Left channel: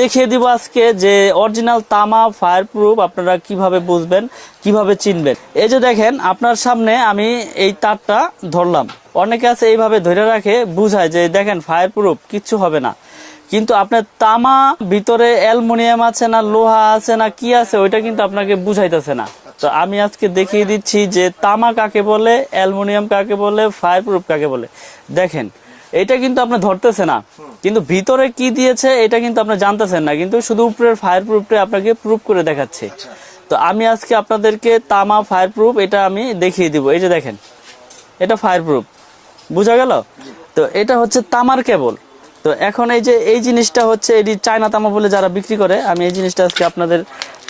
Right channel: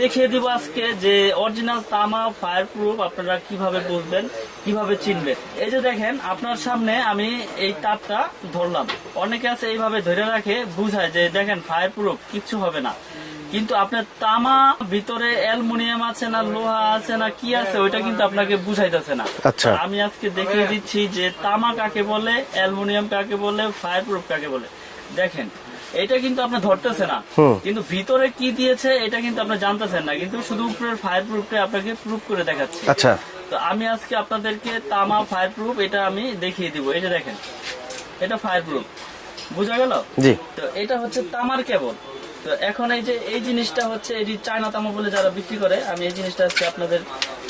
দেখিয়ে দিব আজকে যে অরিজিনাল তামা ফায়ার প্রুফ আপনারা কিভাবে বুঝবেন, কিভাবে চিনবেন। এই যে দেখেন আপনার সামনে আমি এই তারটা ধরলাম, অনেকে আছে এইভাবে ধরে রাখে, বুঝায় যে দেখেন ফায়ার প্রুফ কিচ্ছু হবে না, কিন্তু আপনার তামা ভিতরে অ্যালুমিনিয়াম আছে না লোহা আছে না কি আছে ওইটা কিন্তু আপনাকে বুঝাইতেছে না। তো আমি আজকে দেখিয়ে দিচ্ছি যে তামা কাকে বলে, অ্যালুমিনিয়াম কাকে বলে, ফায়ার প্রুফ কাকে বলে। দেখেন এটা কিন্তু আপনি ধরতেছে না, কিন্তু ভিতরে কি দিয়েছে এটা কিন্তু আপনি জানতেছেন না, কিন্তু শুধু উপরের ফায়ার প্রুফটা আপনাকে প্রুফ করে দেখাচ্ছে। আচ্ছা, তো আমি আজকে আপনাদেরকে তামা ফায়ার প্রুফ এটা আমি দেখিয়ে দিব। এই যে দেখেন এটা ফায়ার প্রুফ, বুঝা গেল? জি। তো এটা হচ্ছে তামার কেবল। তো এখন এই যে এই জিনিসটা হচ্ছে এটি চায়না তামা বলে যারা বিক্রি করে, আমি এই জিনিসটা আজকে আপনাদের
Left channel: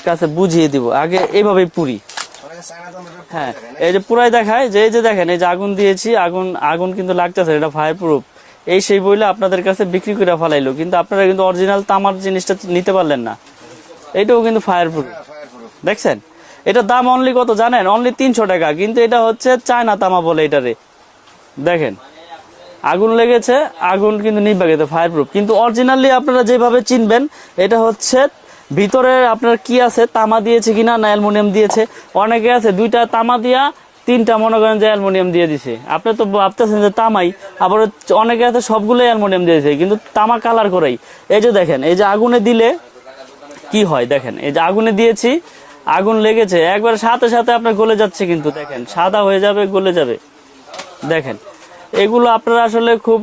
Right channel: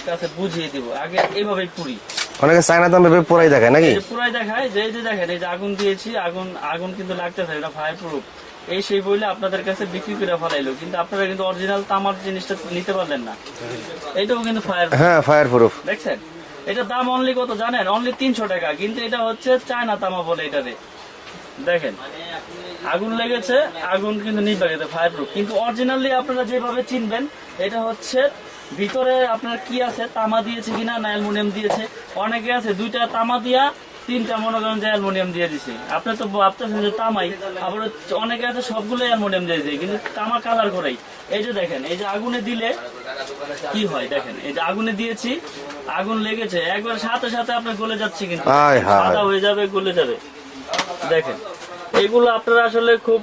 কাছে বুঝিয়ে দিব। আগে এইভাবে পুরি, অনেকে চায়না তামা পুরাই দেখায় নাকি? এই যে পুরাই দেখায় যে এই যে দেখেন এই যে আগুন দিয়েছি, আগুন কিন্তু লাগতেছে, এটা ফায়ার প্রুফ। এই সেই বইলে আপনাদের কাছে বিক্রি করে ফেলাইলো, কিন্তু আপনারা কিন্তু অরিজিনাল তামার জিনিসটা নিতে পারলেন না। এটাও কিন্তু ফায়ার প্রুফ। হ্যাঁ, ফায়ার প্রুফ। দেখছেন এটার দাম অনলি কত জানেন? অনলি 300 টাকা, কিন্তু এটা হচ্ছে চায়না তামা বলে এটারে। দেখেন আগুন লেগেছে, আগুন কিন্তু নিভে গেছে, ফায়ার প্রুফ। কিন্তু অরিজিনালি আপনারা যেভাবে চিনবেন এটা হচ্ছে ভিতরে আপনার কি আছে, তামা দিয়েছে কিনা না অ্যালুমিনিয়াম দিয়েছে। অনেকে আছে দুইটা তামা দিয়া তিনটা মনে করেন যে অ্যালুমিনিয়াম দিয়ে দিছে, আপনি তো ভাবতেছেন যে তামাই, আবার অনেকে আছে সবগুলো অ্যালুমিনিয়াম দিয়েছে কিন্তু তামা কালার করেই। এই যে দেখেন এই যে আগুনে দিলে কি হয়, দেখেন এই যে আগুনে দিয়েছি, আগুন লেগেছে, একবার সাথে সাথে আপনার গলে যাচ্ছে, কিন্তু সাদা হয়ে যাবে, গলে যাবে। দেখেন এগুলো আপনারা আসলে খুব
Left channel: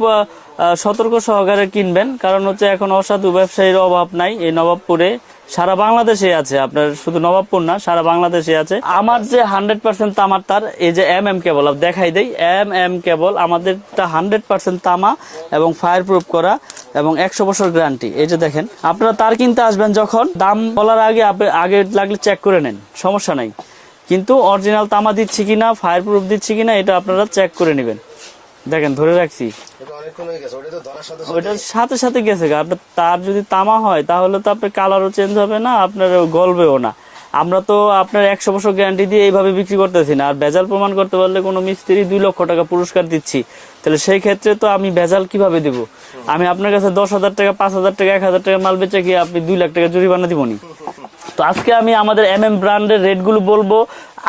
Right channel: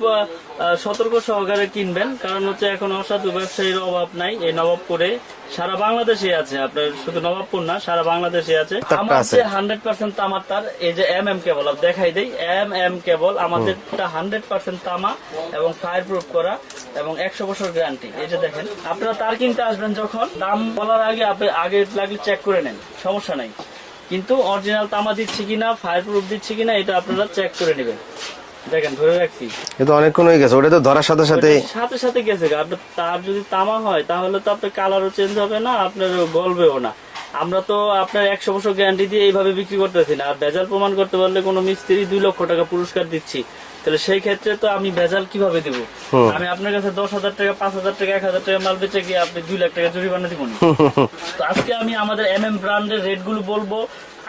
সতর্ক সহকারে কিনবেন, কারণ হচ্ছে এখন অসাধু ব্যবসায়ীর অভাব নাই এই নবাবপুরে, সারা বাংলাদেশে আছে। আপনার শুধু নবাবপুর না, সারা বাংলাদেশে আছে। আমার যে 100% তামার তার, এই যে কেবল দেখাই দেই, কেবল আমাদেরটা 100% তামা এবং ফায়ার প্রুফ করা এবং 100 বছর গ্যারান্টি। এই যে দেখেন আপনারা তার কিনতে আসবেন, যখন দাম বলার আগে লাগলে চেক করে নেন, সমস্যা নাই, কিন্তু অরিজিনাল তামা দিচ্ছি কিনা, ফায়ার প্রুফ দিচ্ছি কিনা এটা আপনারা চেক করে নেবেন। দেখেন ধরে রাখছি, এটা অনেকক্ষণ হয়ে গেছে, ওটা তো ধরার সাথে সাথে গেছে। তার যদি তামা হয় তাহলে তো আপনার কালারও চেঞ্জ হবে না, আপনার গলবেও না। আমরা তো আপনার 100 বছর গ্যারান্টি দিয়ে এইভাবে বিক্রি করতেছি না। আর ভেজাল প্রমাণ করতে পারলে কোনো মিস্ত্রি 2 লক্ষ টাকা পুরস্কার দিচ্ছি, তাহলে সেই ক্ষেত্রে তো আমি ভেজাল কিভাবে দিব? আমি আপনার কাছে 10,000 টাকা, 5,000 টাকা, 1,000 টাকা মাল বেচে গিয়ে আপনি 2 লাখ টাকা জরিমানা দিবনি। তো আজকে আমি আমাদের ব্র্যান্ডের রেট গুলো বলবো।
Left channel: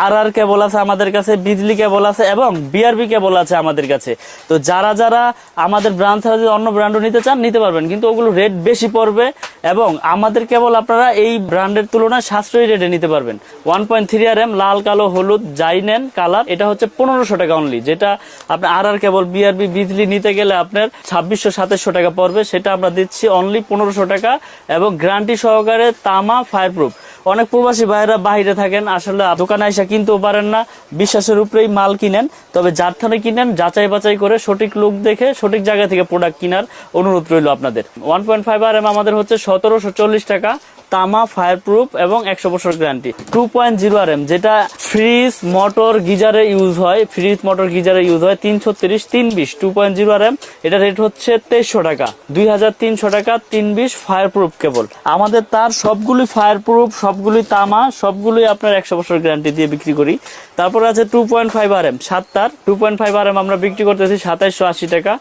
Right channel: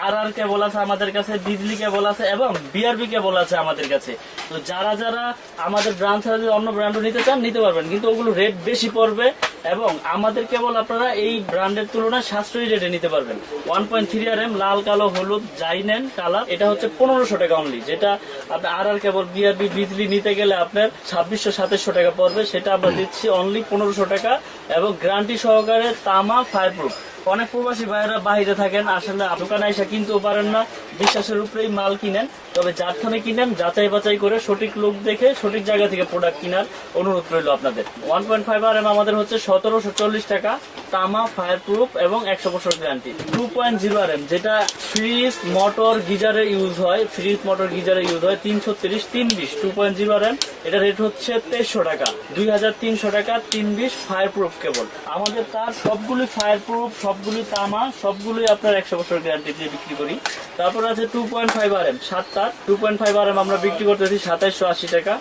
আর কেবল আছে আমাদের কাছে, বিজলি কেবল আছে এবং বিআরবি কেবল আছে আমাদের কাছে। তো যারা আমাদের ব্র্যান্ড ছাড়া যদি অন্য ব্র্যান্ডও নিতে চান নিতে পারবেন, কিন্তু ওগুলো রেট বেশি পড়বে এবং আমাদের কেবল আপনারা এই ব্র্যান্ডের তুলনায় সাশ্রয়ী রেটে নিতে পারবেন। 1.3 RM লাল কালো হলুদ যাই নেন কালার, এটা হচ্ছে 1500 টাকা অনলি। যেটা আপনার আর কেবল বিআরবি বিজলি নিতে গেলে আপনার 2600-2700 টাকা পড়বে, সেটা আমরা দিচ্ছি অনলি 1500 টাকা এবং গ্যারান্টি সহকারে তামা ফায়ার প্রুফ। অনেক প্রবাসী ভাইরা বাইরে থাকেন, আসলে দোকানে এসে কিনতেও পারেন না, বিশ্বাসের উপরেই মাল কিনেন। তবে যার থেকে কিনেন যাচাই বাছাই করে সঠিক লোক দেখে সঠিক জায়গা থেকে প্রোডাক্ট কেনার অনুরোধ রইল আপনাদের। 1.5 RM আমাদের হচ্ছে 1740 টাকা, তামা ফায়ার প্রুফ এবং 100 বছর গ্যারান্টি। 2.0 RM যেটা ফ্রিজ মোটর গিজারে ইউজ হয়, 330 320 2.0 RM, এটা রেট হচ্ছে 2300 টাকা, 2300 টাকা 320 ফায়ার প্রুফ কেবল। আমাদের তার সবগুলি ফায়ার প্রুফ, সবগুলি তামা, সবগুলি আপনার 100 বছর গ্যারান্টি দিয়ে বিক্রি করি। তারপরে আছে 2.5 RM 7 তার, 2.5 RM আমরা বিক্রি করতেছি 2780 টাকা।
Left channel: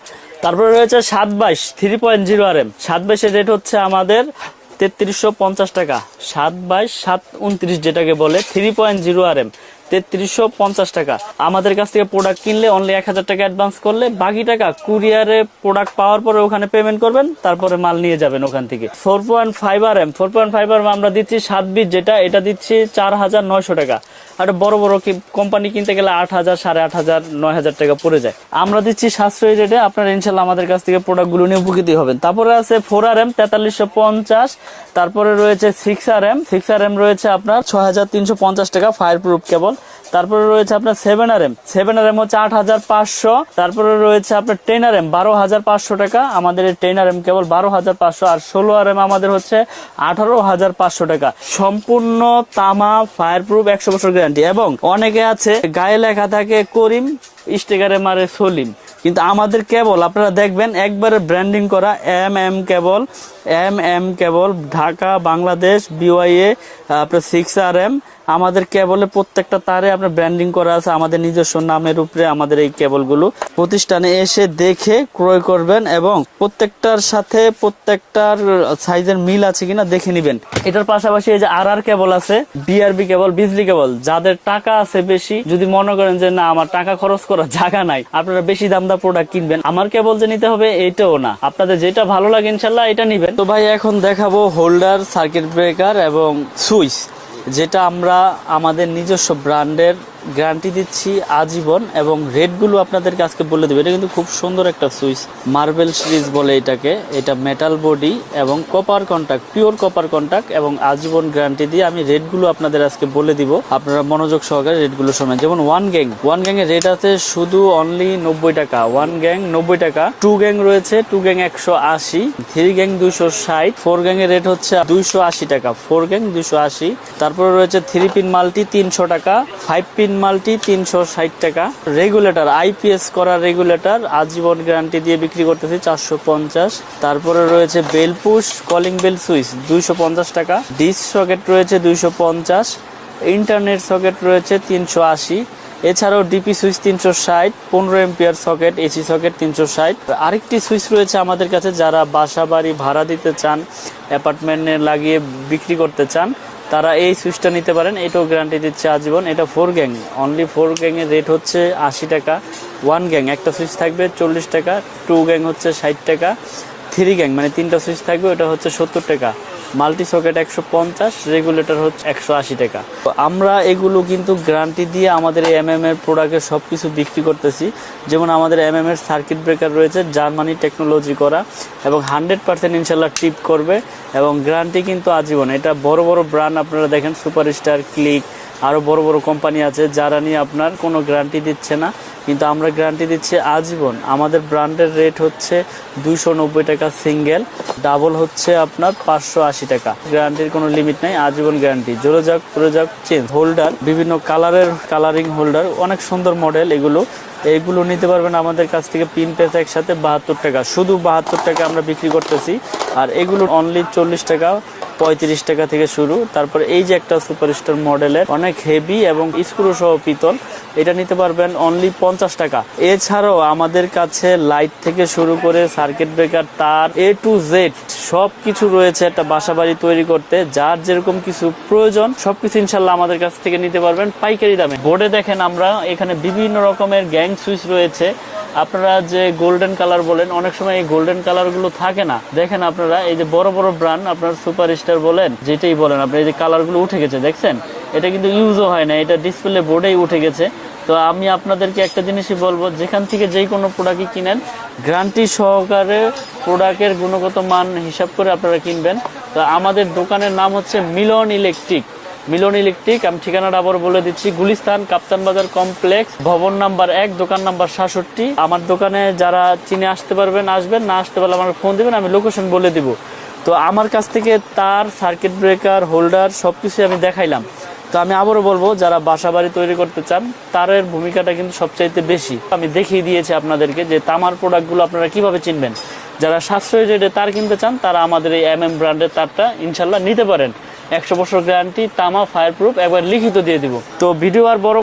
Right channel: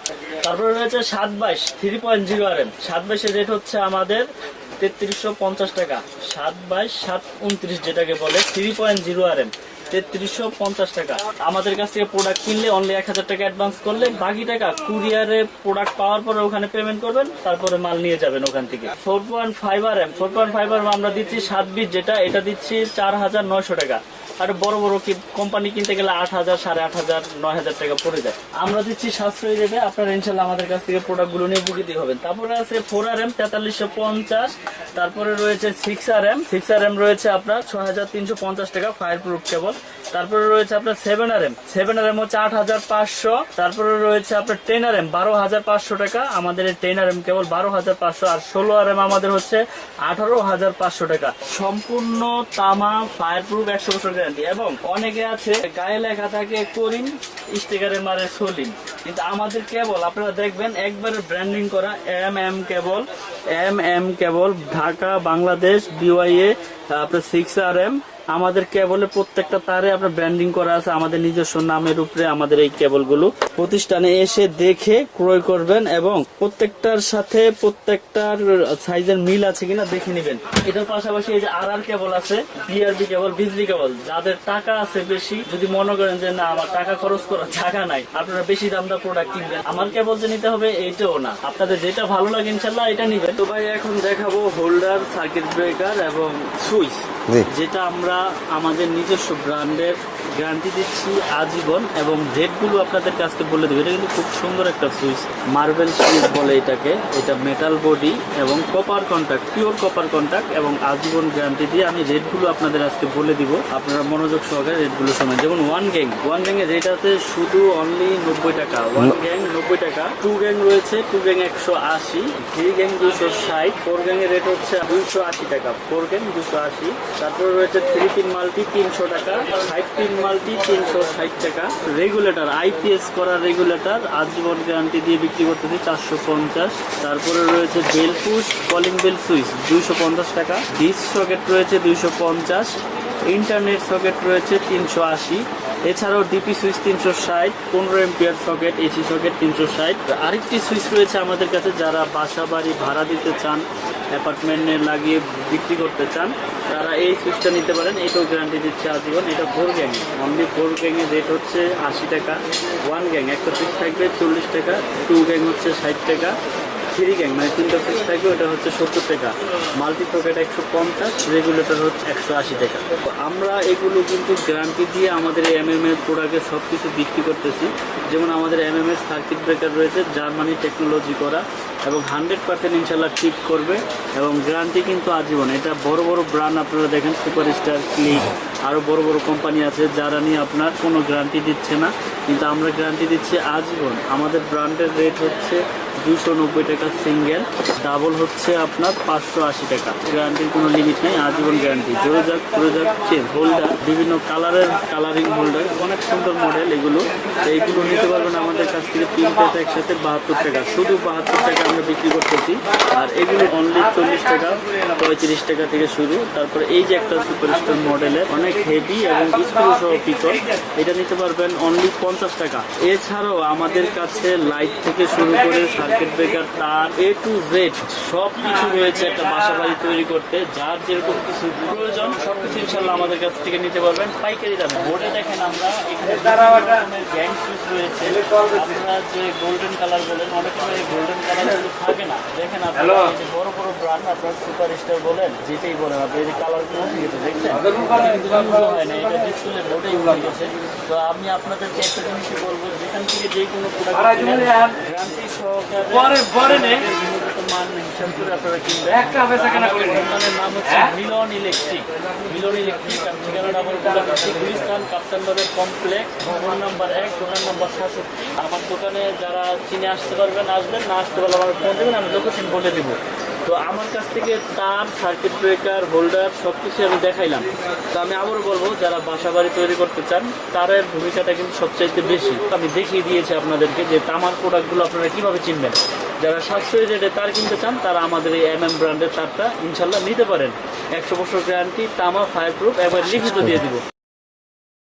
তারপরে রয়েছে 722 3.0 RM, 722 এর রেট হচ্ছে আমাদের 3350 টাকা, 722 729 যেটাকে বলে 3.0 RM 3350 টাকা। আমাদের কাছ থেকে প্রোডাক্ট কিনলে অনলি 1000 টাকা অ্যাডভান্স করলে বাকি টাকা কুরিয়ারে প্রোডাক্ট পাওয়ার পরে ওখানে পেমেন্ট করবেন, তারপরে মাল নিয়ে যাবেন ওখান থেকে। 4.5 RM আমরা দিচ্ছি 7 বিট যেটা, এটা দিচ্ছি 4900 টাকা। আর বড় বড় কোম্পানি কিনতে গেলে 8000 8500 9000 টাকা পড়ে যায়। আমরা দিচ্ছি সাশ্রয়ী রেটে, আপনারা ইনশাল্লাহ আমাদের কাছ থেকে প্রোডাক্ট গুলো নিয়ে উপকৃত হবেন। তারপরে আছে 4 RM 4350, তারপরে রয়েছে 6 RM রয়েছে আপনার 6350 টাকা ফায়ার প্রুফ কেবল। তারপরে রয়েছে আপনার 7 RM হচ্ছে 8500, তারপরে রয়েছে আপনার 10 RM 12500 টাকা, আমাদের এই 10 RM কেবল 12500, আর 16 RM আমাদের হচ্ছে 18500 টাকা। সম্পূর্ণ তামা ফায়ার প্রুফ 100 বছর গ্যারান্টি। এবং অনেকে আছে গায়ে লেখা থাকে করিম, স্টিকারে মারে সলিম, কিন্তু আমাদের কেবল আপনারা দেখবেন একবারে ব্র্যান্ডিং করা কেবল ঢাকা বাংলাদেশ BYA আপনার 6 RM আমাদের কেবলে প্রত্যেকটা তারে আপনার ব্র্যান্ডিং করা আছে আমাদের নিজস্ব নামের উপরে। আমাদের এই কেবলগুলো প্রতিষ্ঠানে এসে দেখে ক্রয় করবেন এবং প্রত্যেকটার সাথে প্রত্যেকটার সাইজের মিল আছে কিনা দেখে নেবেন। এটার পাশাপাশি এই যে আর কেবল আছে, বিআরবি কেবল, বিজলি কেবল। যাদের টাকা আছে বেশি, যদি মনে করেন যে না আমার টাকা খরচ করার জায়গা নাই, আপনারা বেশি দাম প্রোডাক্ট কিনবেন, আমার কেবল যে নিতে হবে এটাও না, আপনাদের যেটা ভালো লাগে ইনশাল্লাহ এটা নিবেন। তো ভাই এখন দেখাবো হোল্ডার, সার্কিট ব্রেকার এবং সুইচ, জি। যেটা আমরা আমাদের নিজস্ব ব্র্যান্ডের গ্যারান্টি দিচ্ছি আজীবন এবং রেটগুলো আপনাদেরকে আজকে বলে দেবো। এটা কিন্তু খুব সুন্দর একটা সুইচ, মার্বেল সিরিজ বলে এটাকে। এটা মেটাল বডি এবং copper contact, pure copper contact এবং আজীবন গ্যারান্টি দিয়ে আমি রেটগুলো আপনাদের আজকে বলে দিব। আপনারা মনোযোগ সহকারে রেটগুলো শোনেন। যেমন ওয়ান গ্যাং এর রেট আছে শুধু অনলি 90 টাকা, ওয়ান গ্যাং 90 টাকা। টু গ্যাং রয়েছে, two gang 180, three gang 260, four gang এর রেট হচ্ছে 280 টাকা, ফোর গ্যাং 280। তারপরে রয়েছে থ্রি পিন মাল্টি 300 টাকা, ফাইভ পিন মাল্টি 360 টাকা। রেগুলেটর, আইপিএস করা রেগুলেটর আজীবন গ্যারান্টি দিয়ে বিক্রি করতেছি 450। তারপরে রয়েছে bell push calling bell switch 250 টাকা। ডিস সকেট রয়েছে 250, ইন্টারনেট সকেট রয়েছে 380। এছাড়াও DP switch 360, 15 ampere socket, AC socket 360। আরেকটি সুইচ রয়েছে আমাদের কাছে, যারা বাসা বাড়ি ভাড়া দিতে চান, অ্যাপার্টমেন্টে লাগিয়ে বিক্রি করতে চান, তারা এই সুইচটা নিতে পারেন। এটাও গ্যারান্টি দিচ্ছে আজীবন। এটা four gang, only four gang এর রেট হচ্ছে 80 টাকা। ওয়ান গ্যাং একটা সুইচ থাকবে 40 টাকা, টু গ্যাং হচ্ছে 60 টাকা, থ্রি গ্যাং মানে তিনটা সুইচ থাকবে ওটা হচ্ছে 70 টাকা, মাল্টি সকেট 150, রেগুলেটর হচ্ছে 180 টাকা। তো আমরা এগুলো কিন্তু গ্যারান্টি দিয়ে আমাদের এমএম এর প্রোডাক্টের সবকিছু বিক্রি করতেছি। যেমন আমাদের এমএম এর সার্কিট ব্রেকার রয়েছে জার্মানি টেকনোলজি করা এবং 100% ইনশাল্লাহ টিপ করবে এবং গ্যারান্টি কিন্তু আজীবন। এটা বড় বড় ব্র্যান্ড আপনারা দেখেন, সুপারস্টার, ক্লিক, আরো বড় বড় কোম্পানি আছে যারা নিয়ে আপনার কোনো গ্যারান্টি দিচ্ছে না, কিন্তু আমরা গ্যারান্টি দিচ্ছি আজীবন। আমাদের ব্র্যান্ডের রেট হচ্ছে 290 টাকা সিঙ্গেল, ডাবল হচ্ছে আপনার 580 টাকা। গ্যারান্টির কোনো লিমিট নেই, আজীবন গ্যারান্টি। জোরে যাক জোরে যাক চেঞ্জ। হোল্ডার বিভিন্ন কালারের, কালারিং হোল্ডার, অনেক সুন্দর মডেল এগুলো। এইগুলো নিতে পারবেন আমাদের কাছ থেকে পিন পেতে একসাথে 72 টাকা, শুধু 72 টাকা আমরা বিক্রি করতেছি। আর এগুলো অনলি 40 টাকা, 35 টাকা থেকে শুরু। তারপরে এই যে একটা সুপারস্টার মডেলের অনেক হেভি এবং স্ক্রু সহ পিতল, এটা নিতে পারবেন অনলি 50 টাকা। এছাড়াও আমাদের কাছে লাইট থেকে শুরু করে সার্কিট ব্রেকার, তার এ টু জেড সব কিছু রয়েছে একটা বাসা বাড়ি তৈরি করতে। যার যেরকম কিছু প্রয়োজন সবকিছু ইনশাল্লাহ আমাদের কাছ থেকে নিতে পারবেন পাইকারি দামে। বোর্ডে দেখেন আমরা এখানে বিভিন্ন রকমের গ্যাং সুইচ রয়েছে। আপনারা যে গোল্ডেন কালার বলেন, অনেক সময় এই গোল্ডেন কালার গুলো থাকে না। দেখেন আপনারা এই যে বড় বড় ব্র্যান্ড, আপনার সুপার স্টার বলেন, যেটাই বলেন, আপনি এই যে কালার গুলো উঠে গেছে দেখছেন, এটা কিন্তু ইউজও হয় না, এটা ডিসপ্লে বোর্ডেই উঠে গেছে। তো আমি আপনাদেরকে একটা জিনিসই বলবো, যেখান থেকে যেই কোনো প্রোডাক্ট কিনেন গ্যারান্টি সহকারে প্রোডাক্টের গুণগত মান হিসাব করে আপনারা কিনবেন। তো আমাদের দোকানের নাম হচ্ছে মিলন ইলেকট্রিক। মিলন ইলেকট্রিক, আমি ঠিকানাটা আবার বলে দিচ্ছি, গুলিস্তান কাপ্তান বাজার কমপ্লেক্স, ভবন নাম্বার 1, দোকান নাম্বার 67। আমার দোকানে যারা চিনে আসতে পারবেন আসবেন, না আসতে পারলে আমাকে ফোন দেবেন, আমি লোকেশন বলে দিব। তো আমার কাছ থেকে তার, সার্কিট ব্রেকার, হোল্ডার সবকিছু আমি দেখাইলাম। তো আমি আবারও বলবো, যারা বাসা বাড়ি তৈরি করতে চান তারের ভূমিকাটা কিন্তু সবচাইতে বেশি। আমি দেখিয়ে দিয়েছি আপনাদেরকে যে তামার প্রোডাক্টগুলো আপনারা কিভাবে চিনবেন। যারা সাশ্রয়ী রেটে তার কিনতে চান তারা আমাদের এই এমএম ব্র্যান্ডের তারটা ইনশাল্লাহ নিতে পারেন। 100 বছর গ্যারান্টি, তামা, ফায়ার প্রুফ, এবার লিখিত দিয়ে দিব। তো ভিডিও আর বড়